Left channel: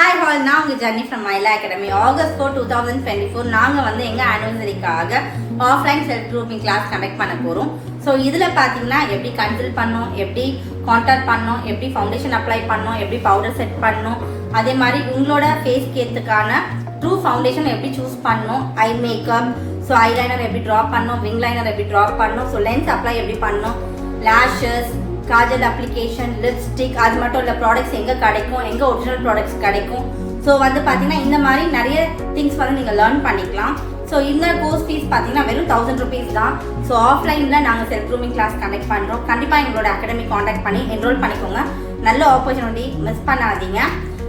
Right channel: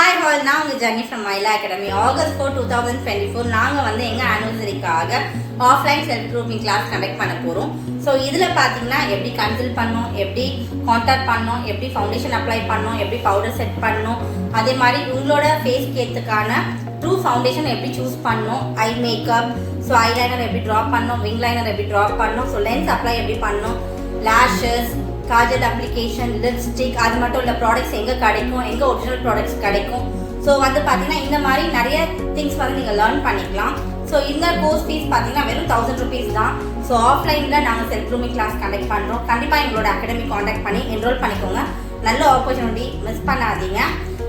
Hi all, நான் உங்கள் journey from Myla Academy. August 4, 2024 நாங்கள் வந்து எங்கள் ஆனிவர்சரிக்காக offline self grooming class conduct பண்ண போகிறோம். ஸோ இதில் பார்த்தீங்கன்னா எப்படி கன்சல்ட் பண்ணணும், எப்படி கான்டாக்ட் பண்ணணும், எப்படி ஃபவுண்டேஷன் அப்ளை பண்ணணும், எப்படி பவுடர் செட் பண்ணணும், அதே மாதிரி உங்களோட ஃபேஸ் கேத்துக்கான ட்ரூ ஃபவுண்டேஷன் எப்படி சூஸ் பண்ணணும், ஐ மேக்கப், ஸோ ஐலைனர் எப்படி ட்ராப் பண்ணணும், விங் லைனர் எப்படி ட்ராப் பண்ணணும், ஸோ லென்ஸ் அப்ளை எப்படி பண்ணணும், லேஷஸ், காஜல் அப்ளிகேஷன், லிப்ஸ்டிக், அது மட்டும் இல்லை ப்ராடக்ட்ஸ் எங்கே கிடைக்கும், எங்கே ஒரிஜினல் ப்ராடக்ட்ஸ் கிடைக்கும். ஸோ வந்து பார்த்தீங்கன்னா இந்த மாதிரி நிறைய திங்ஸ் வந்து நீங்கள் லேர்ன் பண்ணிக்கலாம். ஸோ இந்த கோர்ஸ் ஃபீஸ் பார்த்தீங்கன்னா வெறும் 1000 rupees தான். ஸோ ஆஃப்லைனில் நாங்கள் செல்ஃப் க்ரூமிங் கிளாஸ் கண்டக்ட் பண்ணுறோம். கண்டிப்பாக எங்களோட அகாடமி காண்டாக்ட் பண்ணி என்ரோல் பண்ணிக்கோங்க. நல்ல ஆப்பர்ச்சுனிட்டி, மிஸ் பண்ணாதீங்க.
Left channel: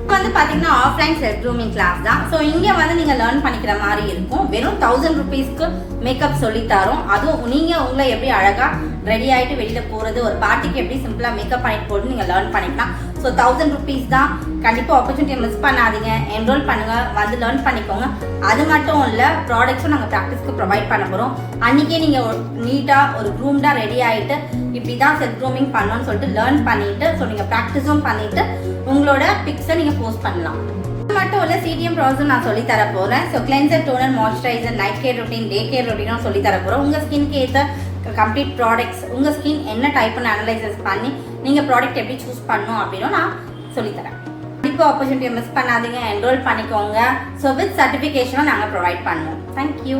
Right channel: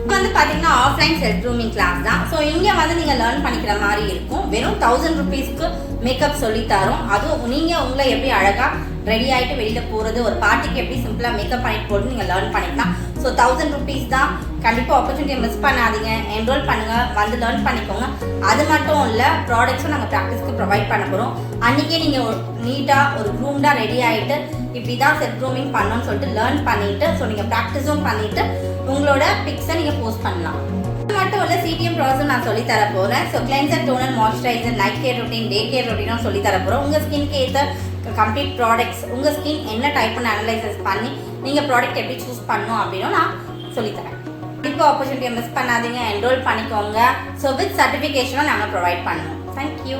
இப்போ வந்து பார்த்தீங்கன்னா ஆஃப்லைன் செல்ஃப் க்ரூமிங் கிளாஸ் தான். ஸோ இங்கே வந்து நீங்கள் லேர்ன் பண்ணிக்கிற மாதிரி இருக்கும். வெறும் 1000 rupeesக்கு மேக்கப் சொல்லித்தரோம். அதுவும் நீங்கள் உங்களை எப்படி அழகாக ரெடி ஆகிட்டு வெளியில் போகிறது, ஒரு பார்ட்டிக்கு எப்படி சிம்பிளாக மேக்கப் பண்ணிட்டு போகிறது நீங்கள் லேர்ன் பண்ணிக்கலாம். ஸோ 1000 rupees தான். கண்டிப்பாக ஆப்பர்ச்சுனிட்டியை மிஸ் பண்ணாதீங்க. என்ரோல் பண்ணுங்கள், வந்து லேர்ன் பண்ணிக்கோங்க. அது மட்டும் இல்லை, ப்ராடக்ட்ஸும் நாங்கள் ப்ராக்டிஸ்க்கு ப்ரொவைட் பண்ண போகிறோம். அன்றைக்கே நீங்கள் நீட்டாக ஒரு க்ரூம்டாக ரெடி ஆகிட்டு இப்படி தான் செல்ஃப் க்ரூமிங் பண்ணணும்னு சொல்லிட்டு லேர்ன் பண்ணிவிட்டு, ஸோ நீங்கள் ப்ராக்டிஸும் பண்ணிவிட்டு உங்களோட பிக்ஸை நீங்கள் போஸ்ட் பண்ணலாம். அது மட்டும் இல்லை, சிடிஎம் ப்ராசஸ் நான் சொல்லி தர போகிறேன். So cleanser, toner, moisturiser, night care routine, day care ரொட்டீனும் சொல்லி தர போகிறோம். உங்கள் ஸ்கின்க்கு ஏற்ற கம்ப்ளீட் ப்ராடக்ட்ஸ், உங்கள் ஸ்கின் என்ன டைப்னு அனலைசஸ் பண்ணி நீங்கள் ப்ராடக்ட் எப்படி சூஸ் பண்ணணும் அப்படின்னு நான் சொல்லித்தரேன். இப்போ ஆப்பர்ச்சுனிட்டியை மிஸ் பண்ணாதீங்க, என்ரோல் பண்ணிக்கோங்க. ஸோ வித் சர்டிஃபிகேஷனும் நாங்கள் ப்ரொவைட் பண்ணுவோம். தேங்க்யூ.